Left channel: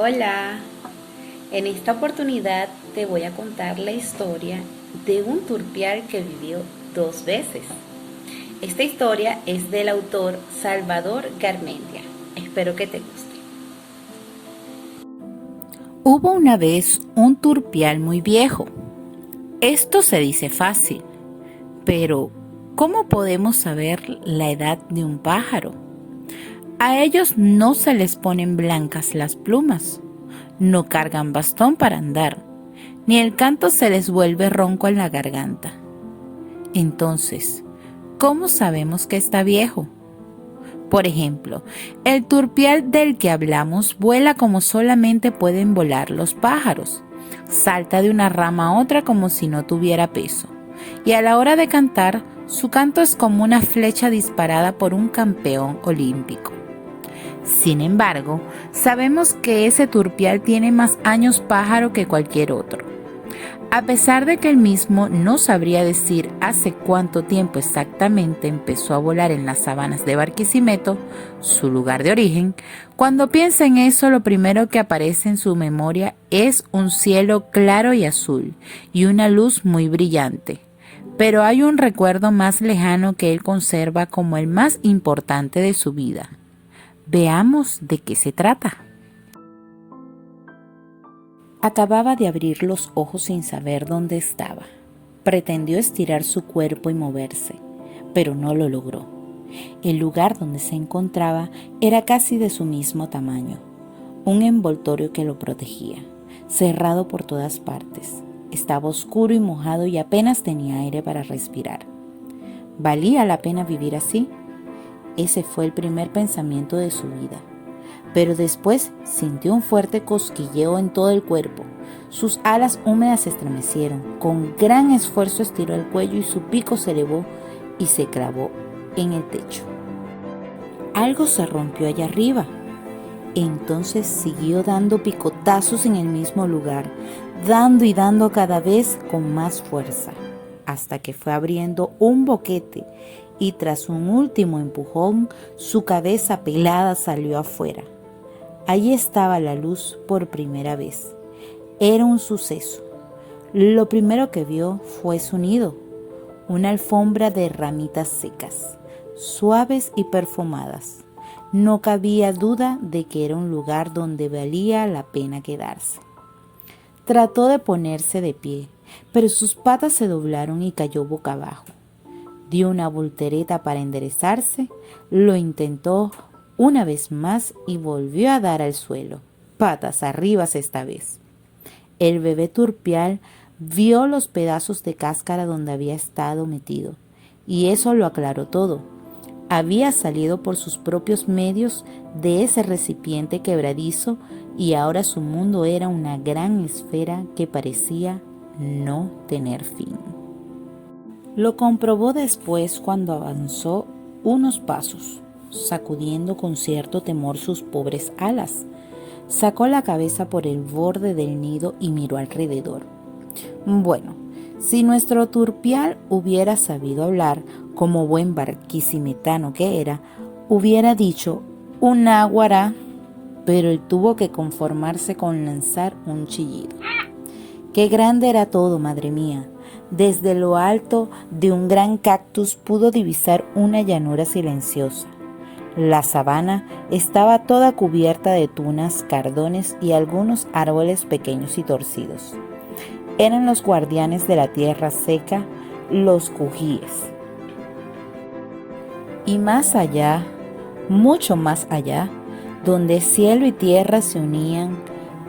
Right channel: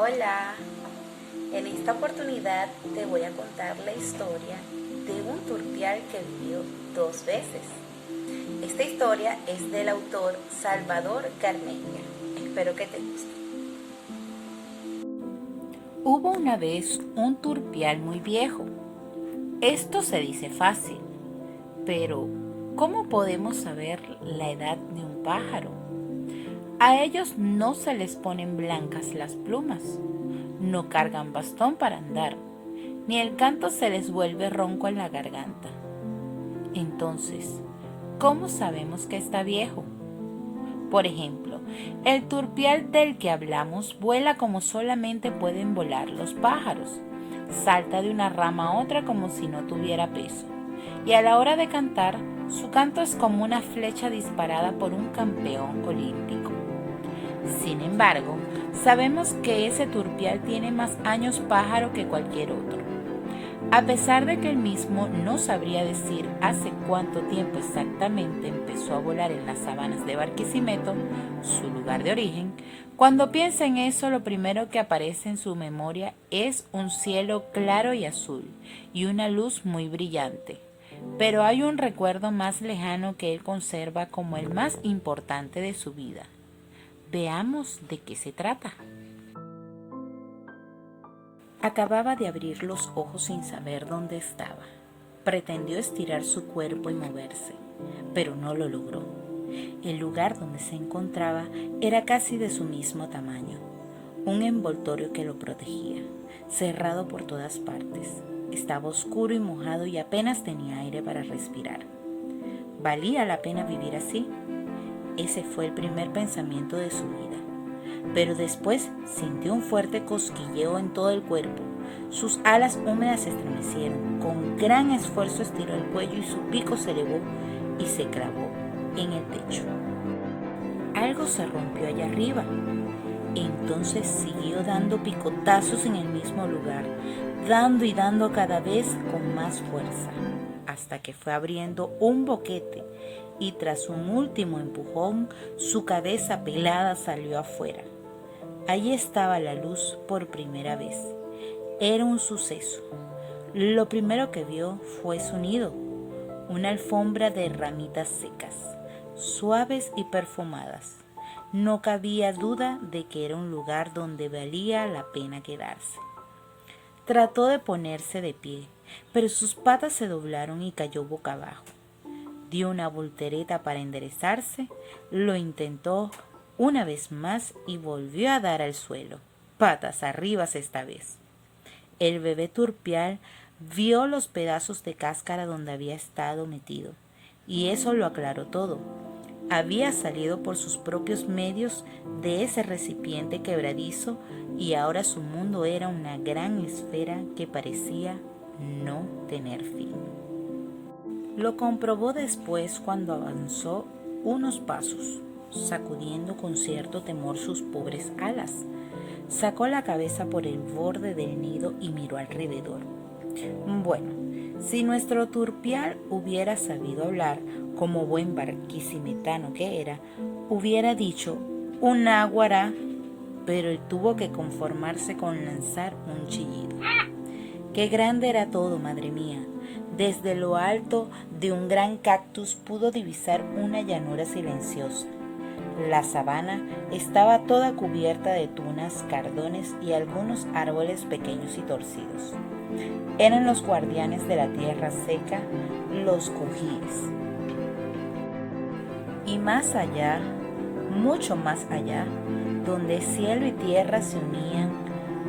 Hola, en esta oportunidad te voy a contar la historia de un turpial que vivió dos veces. Esta historia es del autor Salvador Garmendia. Espero que te guste. Hubo una vez un turpial muy viejo. Esto se dice fácil, pero ¿cómo podemos saber la edad de un pájaro? A ellos no se les ponen blancas las plumas, no cargan bastón para andar, ni el canto se les vuelve ronco en la garganta. Entonces, ¿cómo sabemos que está viejo? Por ejemplo, el turpial del que hablamos vuela como solamente pueden volar los pájaros. Salta de una rama a otra como si no tuviera peso. Y a la hora de cantar, su canto es como una flecha disparada por un campeón olímpico. Sin embargo, sabemos que ese turpial tiene más años pájaro que cualquier otro. A pesar de que él mismo no sabría decir hace cuánto tiempo exactamente empezó a volar en las sabanas de Barquisimeto, su lugar de origen, cuando piensa en eso lo primero que aparece en su memoria es un cielo claro y azul y una luz muy brillante. Pero hay un recuerdo más lejano que él conserva como el más importante de su vida. Veamos de qué se trata. Acababa de abrir los ojos sin saber dónde estaba. Pretendió estirar su cuerpo y moverse, pero no lo logró. El lugar donde se encontraba era casi de su mismo tamaño, un envoltorio que lo protegía, cerrado por todas partes. Estaba oscuro y mojado y apenas tenía aire para respirar. ¿Valía la pena vivir así? Ese fue el primer pensamiento de su vida. Pero después sintió un fuerte cosquilleo en todo el cuerpo. Sus alas húmedas se estremecieron. Con gran esfuerzo estiró el cuello y su pico se elevó y se clavó en el techo. Algo se rompió allá arriba. Entonces siguió dando picotazos en el mismo lugar, dando y dando cada vez con más fuerza, hasta que fue abriendo un boquete y tras un último empujón, su cabeza pelada salió afuera. Allí estaba la luz por primera vez. Era un suceso. Lo primero que vio fue su nido, una alfombra de ramitas secas, suaves y perfumadas. No cabía duda de que era un lugar donde valía la pena quedarse. Trató de ponerse de pie, pero sus patas se doblaron y cayó boca abajo. Dio una voltereta para enderezarse, lo intentó una vez más y volvió a dar al suelo, patas arriba esta vez. El bebé turpial vio los pedazos de cáscara donde había estado metido, y eso lo aclaró todo. Había salido por sus propios medios de ese recipiente quebradizo y ahora su mundo era una gran esfera que parecía no tener fin. Lo comprobó después cuando avanzó unos pasos, sacudiendo con cierto temor sus pobres alas. Sacó la cabeza por el borde del nido y miró alrededor. Bueno, si nuestro turpial hubiera sabido hablar como buen barquisimetano que era, hubiera dicho un náguara, pero él tuvo que conformarse con lanzar un chillido. Qué grande era todo, madre mía. Desde lo alto de un gran cactus pudo divisar una llanura silenciosa. La sabana estaba toda cubierta de tunas, cardones y algunos árboles pequeños y torcidos. Eran los guardianes de la tierra seca, los cujíes. Y más allá, mucho más allá, donde cielo y tierra se unían,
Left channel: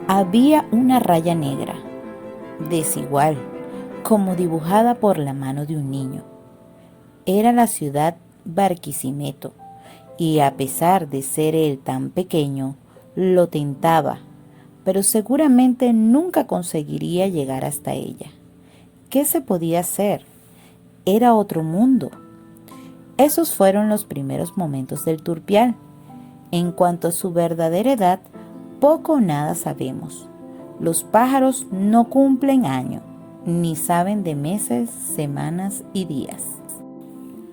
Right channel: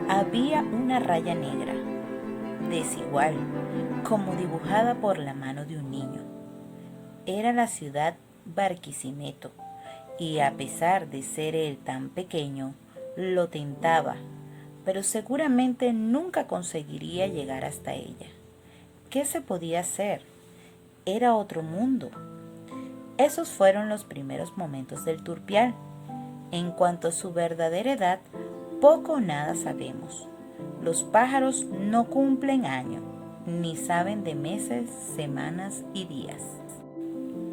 había una raya negra, desigual, como dibujada por la mano de un niño. Era la ciudad Barquisimeto, y a pesar de ser él tan pequeño, lo tentaba, pero seguramente nunca conseguiría llegar hasta ella. ¿Qué se podía hacer? Era otro mundo. Esos fueron los primeros momentos del turpial. En cuanto a su verdadera edad, poco o nada sabemos. Los pájaros no cumplen año, ni saben de meses, semanas y días.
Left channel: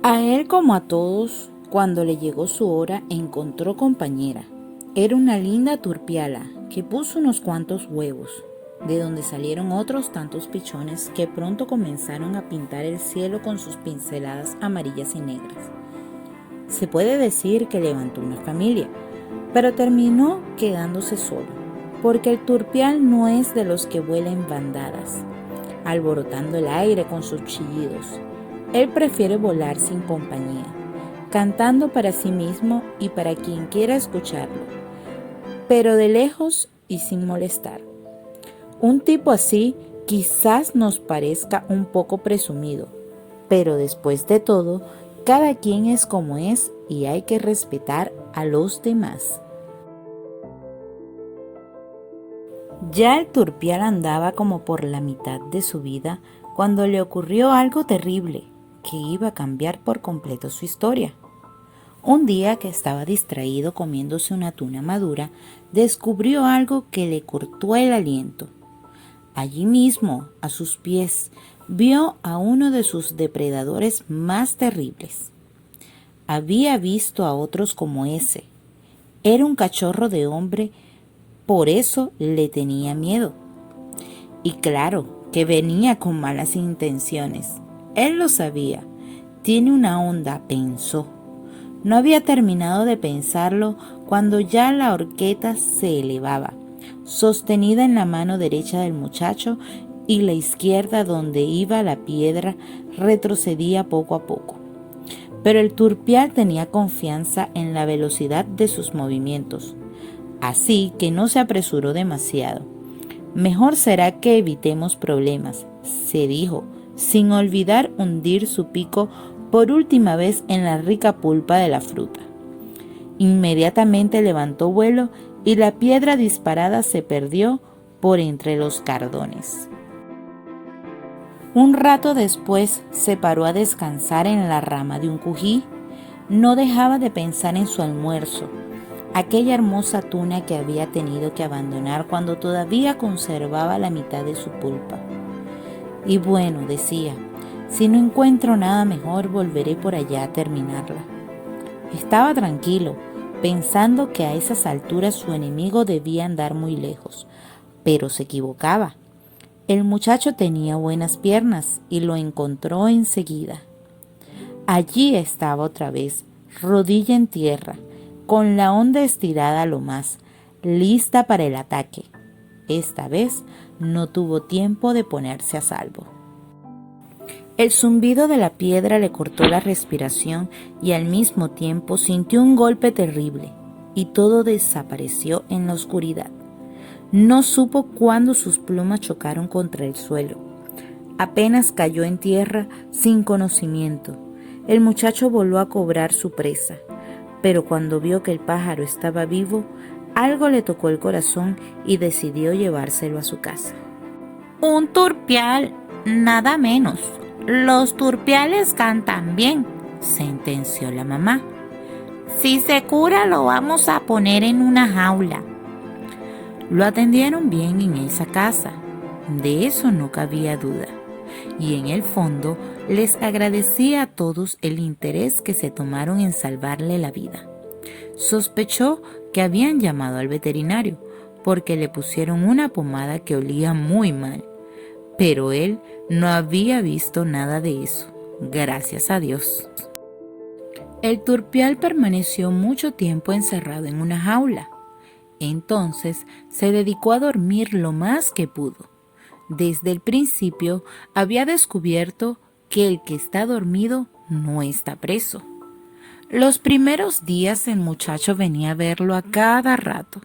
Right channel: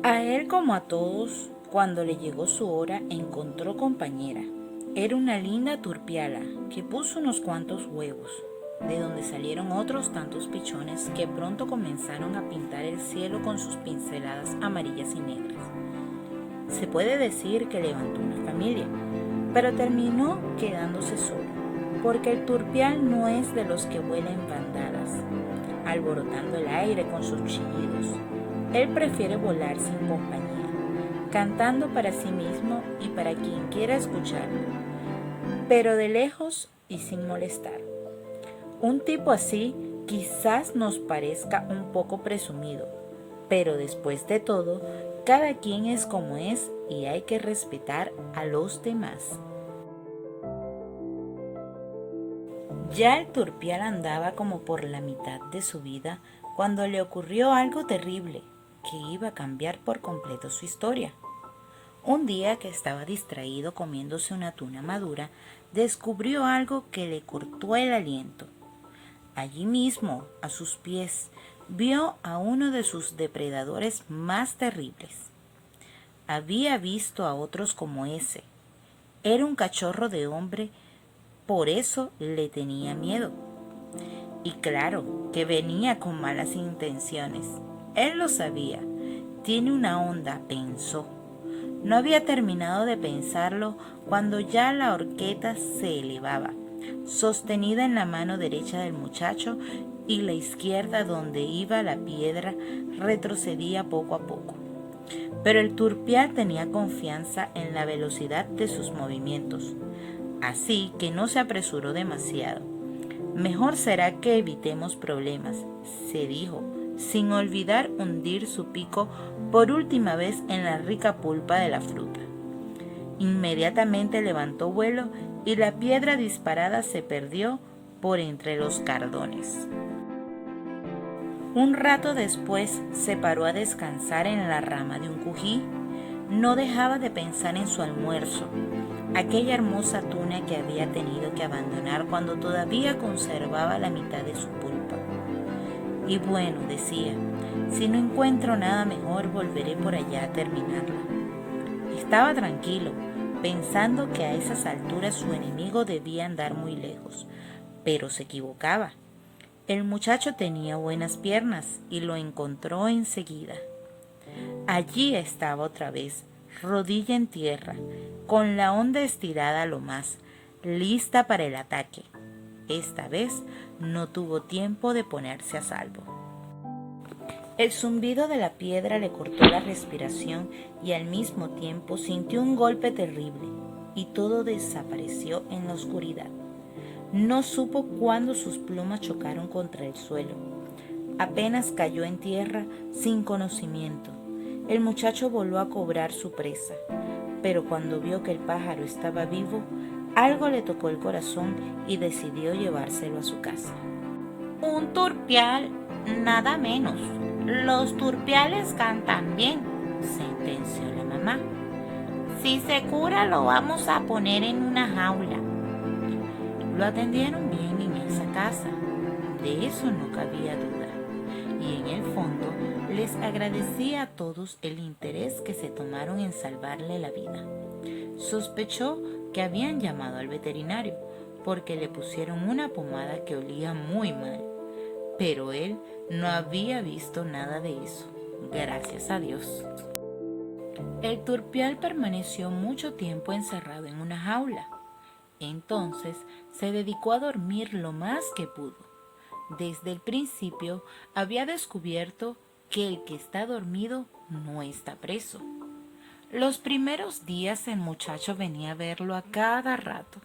A él como a todos, cuando le llegó su hora, encontró compañera. Era una linda turpiala que puso unos cuantos huevos, de donde salieron otros tantos pichones que pronto comenzaron a pintar el cielo con sus pinceladas amarillas y negras. Se puede decir que levantó una familia, pero terminó quedándose solo, porque el turpial no es de los que vuela en bandadas, alborotando el aire con sus chillidos. Él prefiere volar sin compañía, cantando para sí mismo y para quien quiera escucharlo, pero de lejos y sin molestar. Un tipo así quizás nos parezca un poco presumido, pero después de todo, cada quien es como es y hay que respetar a los demás. Ya el turpial andaba como por la mitad de su vida cuando le ocurrió algo terrible que iba a cambiar por completo su historia. Un día que estaba distraído comiéndose una tuna madura, descubrió algo que le cortó el aliento. Allí mismo, a sus pies, vio a uno de sus depredadores más terribles. Había visto a otros como ese. Era un cachorro de hombre, por eso le tenía miedo. Y claro, que venía con malas intenciones. Él lo sabía. Tiene una onda, pensó. No había terminado de pensarlo cuando ya la horqueta se elevaba, sostenida en la mano derecha del muchacho, y la izquierda, donde iba la piedra, retrocedía poco a poco. Pero el turpial tenía confianza en la velocidad de sus movimientos, así que no se apresuró demasiado. Mejor será que evitemos problemas, se dijo, sin olvidar hundir su pico por última vez en la rica pulpa de la fruta. Inmediatamente levantó vuelo y la piedra disparada se perdió por entre los cardones. Un rato después se paró a descansar en la rama de un cují. No dejaba de pensar en su almuerzo, aquella hermosa tuna que había tenido que abandonar cuando todavía conservaba la mitad de su pulpa. Y bueno, decía, si no encuentro nada mejor, volveré por allá a terminarla. Estaba tranquilo, pensando que a esas alturas su enemigo debía andar muy lejos, pero se equivocaba. El muchacho tenía buenas piernas y lo encontró enseguida. Allí estaba otra vez, rodilla en tierra, con la honda estirada a lo más, lista para el ataque. Esta vez no tuvo tiempo de ponerse a salvo. El zumbido de la piedra le cortó la respiración y al mismo tiempo sintió un golpe terrible y todo desapareció en la oscuridad. No supo cuándo sus plumas chocaron contra el suelo. Apenas cayó en tierra sin conocimiento. El muchacho volvió a cobrar su presa, pero cuando vio que el pájaro estaba vivo, algo le tocó el corazón y decidió llevárselo a su casa. Un turpial, nada menos. Los turpiales cantan bien, sentenció la mamá. Si se cura, lo vamos a poner en una jaula. Lo atendieron bien en esa casa, de eso no cabía duda, y en el fondo les agradecía a todos el interés que se tomaron en salvarle la vida. Sospechó que habían llamado al veterinario porque le pusieron una pomada que olía muy mal, pero él no había visto nada de eso, gracias a Dios. El turpial permaneció mucho tiempo encerrado en una jaula. Entonces se dedicó a dormir lo más que pudo. Desde el principio había descubierto que el que está dormido no está preso. Los primeros días el muchacho venía a verlo a cada rato.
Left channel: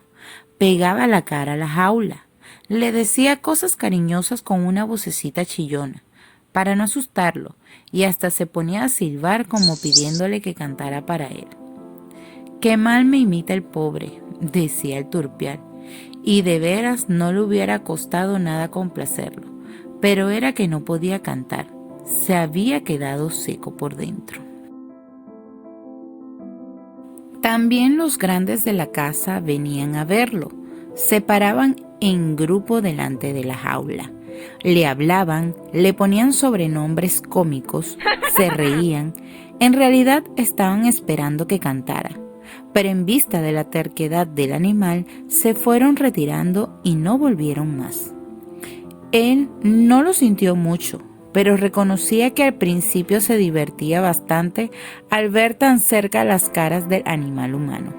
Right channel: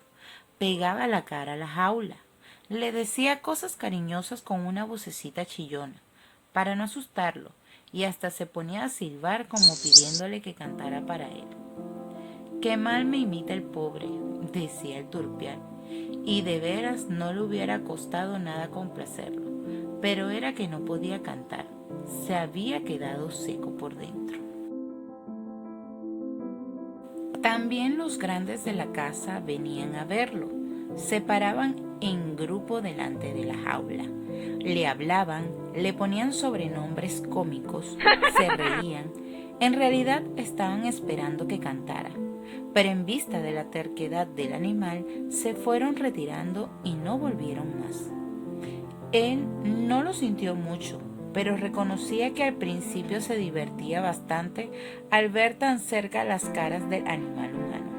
Pegaba la cara a la jaula. Le decía cosas cariñosas con una vocecita chillona, para no asustarlo, y hasta se ponía a silbar como pidiéndole que cantara para él. «Qué mal me imita el pobre», decía el turpial, y de veras no le hubiera costado nada complacerlo, pero era que no podía cantar, se había quedado seco por dentro. También los grandes de la casa venían a verlo, se paraban en grupo delante de la jaula, le hablaban, le ponían sobrenombres cómicos, se reían, en realidad estaban esperando que cantara, pero en vista de la terquedad del animal, se fueron retirando y no volvieron más. Él no lo sintió mucho, pero reconocía que al principio se divertía bastante al ver tan cerca las caras del animal humano,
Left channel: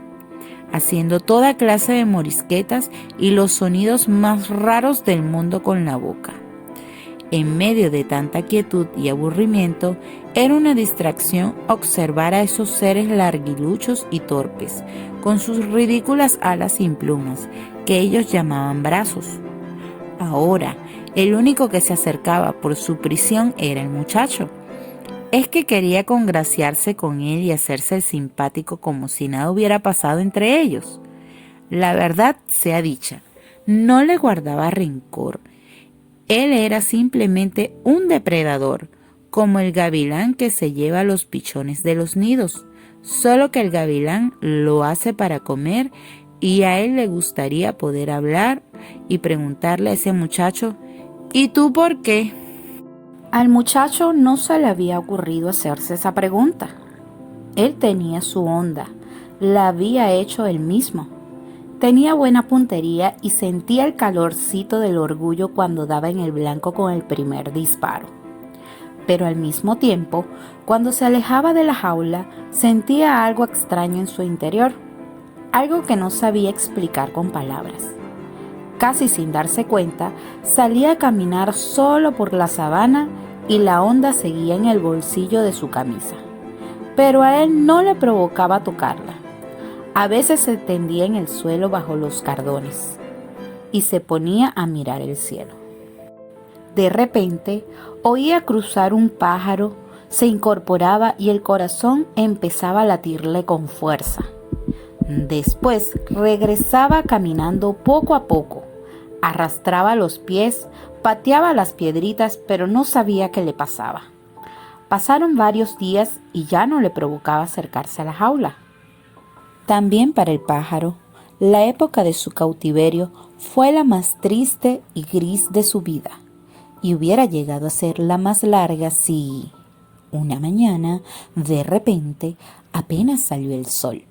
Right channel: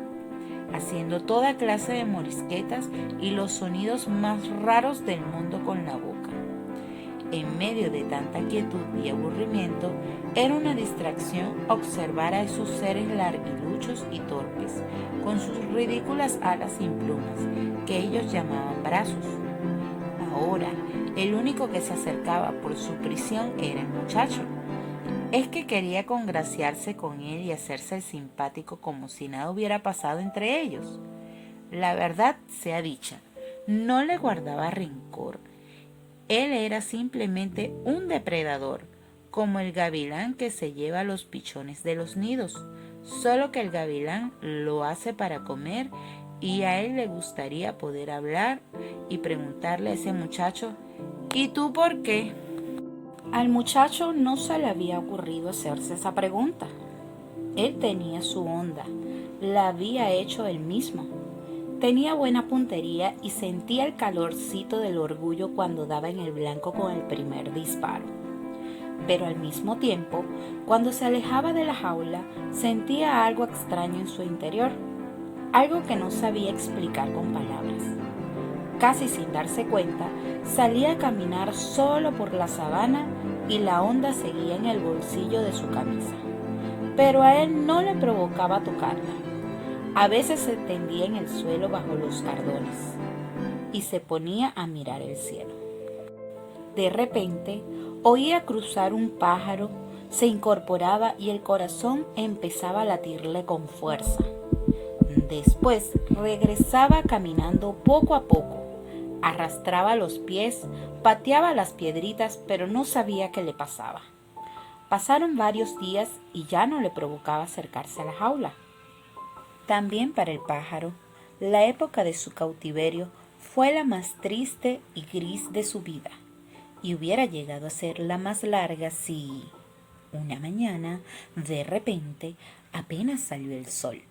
haciendo toda clase de morisquetas y los sonidos más raros del mundo con la boca. En medio de tanta quietud y aburrimiento, era una distracción observar a esos seres larguiluchos y torpes, con sus ridículas alas sin plumas, que ellos llamaban brazos. Ahora, el único que se acercaba por su prisión era el muchacho. Es que quería congraciarse con él y hacerse el simpático como si nada hubiera pasado entre ellos. La verdad sea dicha, no le guardaba rencor. Él era simplemente un depredador, como el gavilán que se lleva los pichones de los nidos, solo que el gavilán lo hace para comer y a él le gustaría poder hablar y preguntarle a ese muchacho, ¿y tú por qué? Al muchacho no se le había ocurrido hacerse esa pregunta. Él tenía su onda, la había hecho él mismo. Tenía buena puntería y sentía el calorcito del orgullo cuando daba en el blanco con el primer disparo. Pero al mismo tiempo, cuando se alejaba de la jaula, sentía algo extraño en su interior, algo que no sabía explicar con palabras. Casi sin darse cuenta, salía a caminar solo por la sabana y la onda seguía en el bolsillo de su camisa. Pero a él no le provocaba tocarla. A veces se tendía en el suelo bajo los cardones y se ponía a mirar el cielo. De repente, oía cruzar un pájaro, se incorporaba y el corazón empezaba a latirle con fuerza. Después regresaba caminando poco a poco, arrastraba los pies, pateaba las piedritas, pero no sabía qué le pasaba. Pasaron varios días y ya no le provocaba acercarse a la jaula. También para el pájaro, la época de su cautiverio fue la más triste y gris de su vida, y hubiera llegado a ser la más larga si, una mañana, de repente, apenas salió el sol.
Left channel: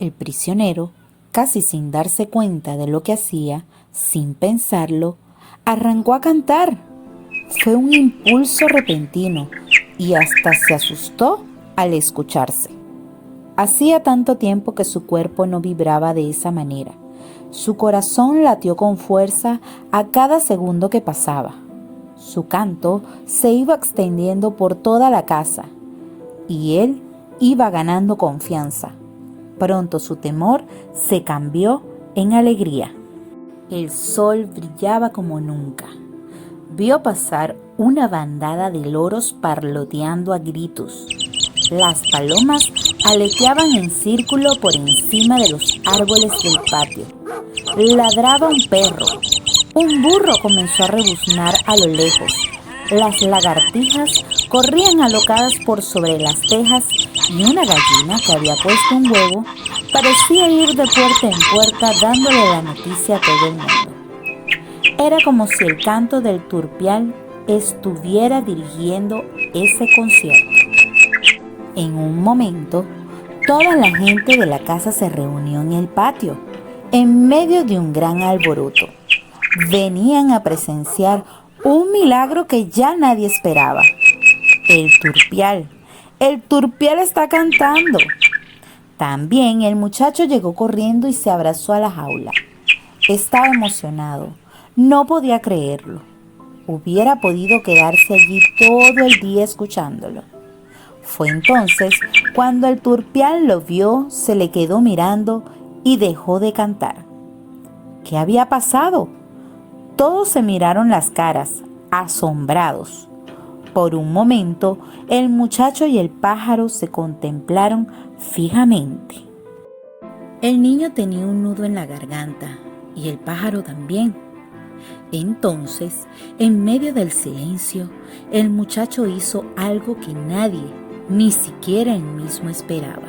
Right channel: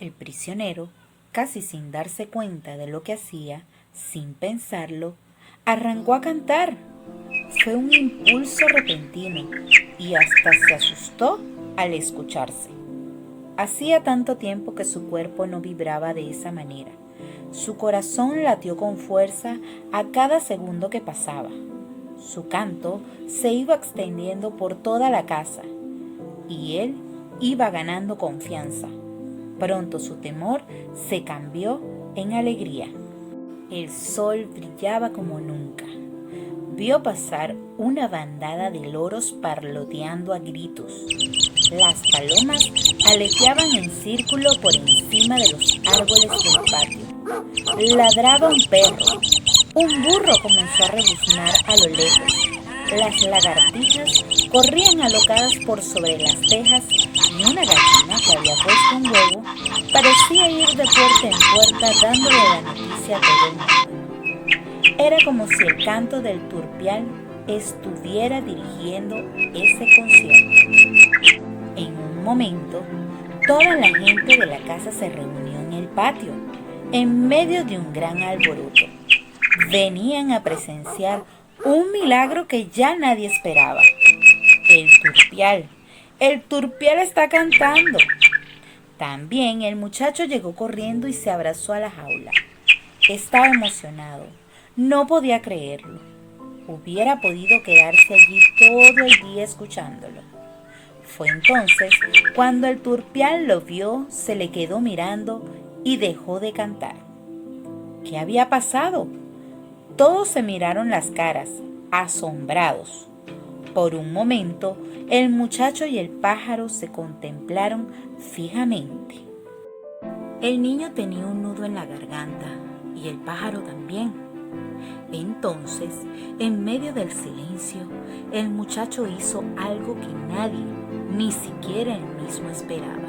El prisionero, casi sin darse cuenta de lo que hacía, sin pensarlo, arrancó a cantar. Fue un impulso repentino y hasta se asustó al escucharse. Hacía tanto tiempo que su cuerpo no vibraba de esa manera. Su corazón latió con fuerza a cada segundo que pasaba. Su canto se iba extendiendo por toda la casa y él iba ganando confianza. Pronto su temor se cambió en alegría. El sol brillaba como nunca. Vio pasar una bandada de loros parloteando a gritos. Las palomas aleteaban en círculo por encima de los árboles del patio. Ladraba un perro. Un burro comenzó a rebuznar a lo lejos. Las lagartijas corrían alocadas por sobre las tejas y una gallina que había puesto un huevo parecía ir de puerta en puerta dándole la noticia a todo el mundo. Era como si el canto del turpial estuviera dirigiendo ese concierto. En un momento, toda la gente de la casa se reunió en el patio, en medio de un gran alboroto. Venían a presenciar un milagro que ya nadie esperaba. El turpial está cantando. También el muchacho llegó corriendo y se abrazó a la jaula. Estaba emocionado, no podía creerlo. Hubiera podido quedarse allí todo el día escuchándolo. Fue entonces cuando el turpial lo vio, se le quedó mirando y dejó de cantar. ¿Qué había pasado? Todos se miraron las caras, asombrados. Por un momento, el muchacho y el pájaro se contemplaron fijamente. El niño tenía un nudo en la garganta y el pájaro también. Entonces, en medio del silencio, el muchacho hizo algo que nadie, ni siquiera él mismo esperaba.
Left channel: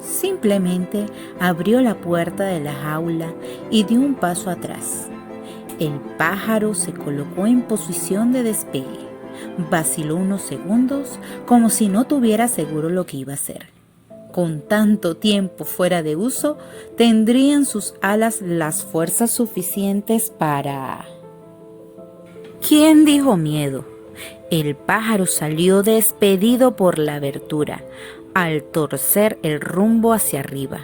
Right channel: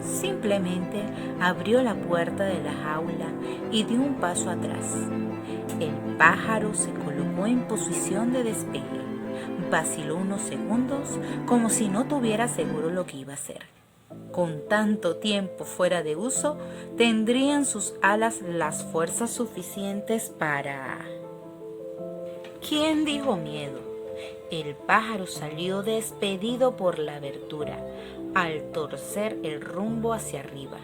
Simplemente abrió la puerta de la jaula y dio un paso atrás. El pájaro se colocó en posición de despegue. Vaciló unos segundos como si no tuviera seguro lo que iba a hacer. Con tanto tiempo fuera de uso, tendrían sus alas las fuerzas suficientes para... ¿Quién dijo miedo? El pájaro salió despedido por la abertura, al torcer el rumbo hacia arriba.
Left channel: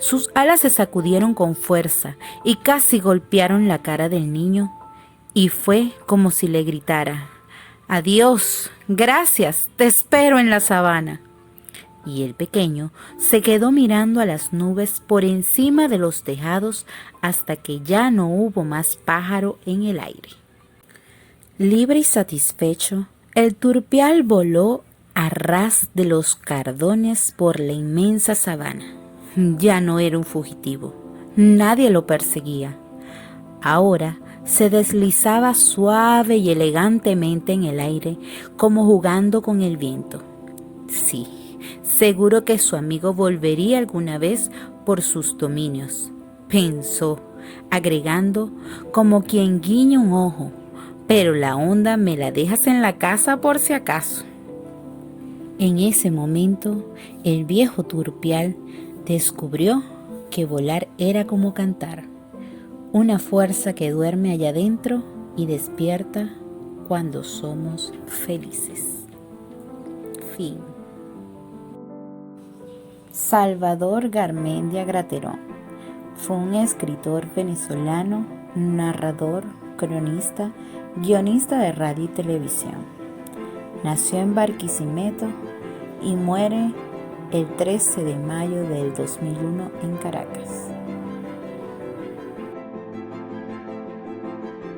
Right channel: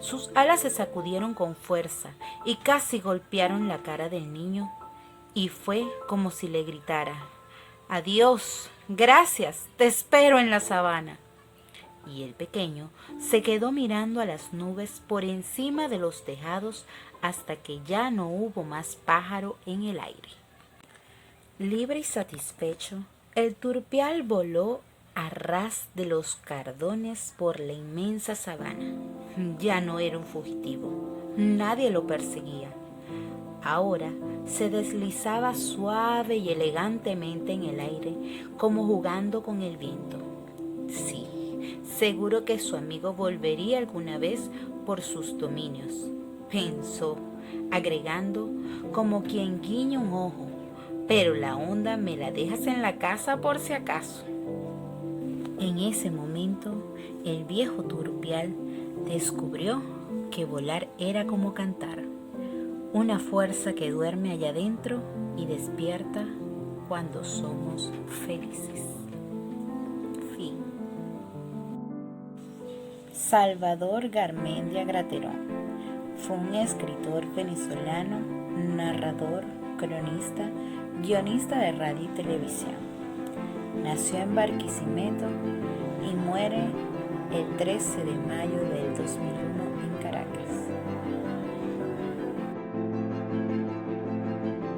Sus alas se sacudieron con fuerza y casi golpearon la cara del niño, y fue como si le gritara: «Adiós, gracias, te espero en la sabana». Y el pequeño se quedó mirando a las nubes por encima de los tejados hasta que ya no hubo más pájaro en el aire. Libre y satisfecho, el turpial voló a ras de los cardones por la inmensa sabana. Ya no era un fugitivo, nadie lo perseguía. Ahora se deslizaba suave y elegantemente en el aire, como jugando con el viento. Sí, seguro que su amigo volvería alguna vez por sus dominios, pensó, agregando como quien guiña un ojo: «Pero la onda me la dejas en la casa por si acaso». En ese momento, el viejo turpial descubrió que volar era como cantar, una fuerza que duerme allá adentro y despierta cuando somos felices. Fin. Salvador Garmendia Graterón fue un escritor venezolano, narrador, cronista, guionista de radio y televisión. Nació en Barquisimeto y muere el 13 de mayo del 2001 en Caracas.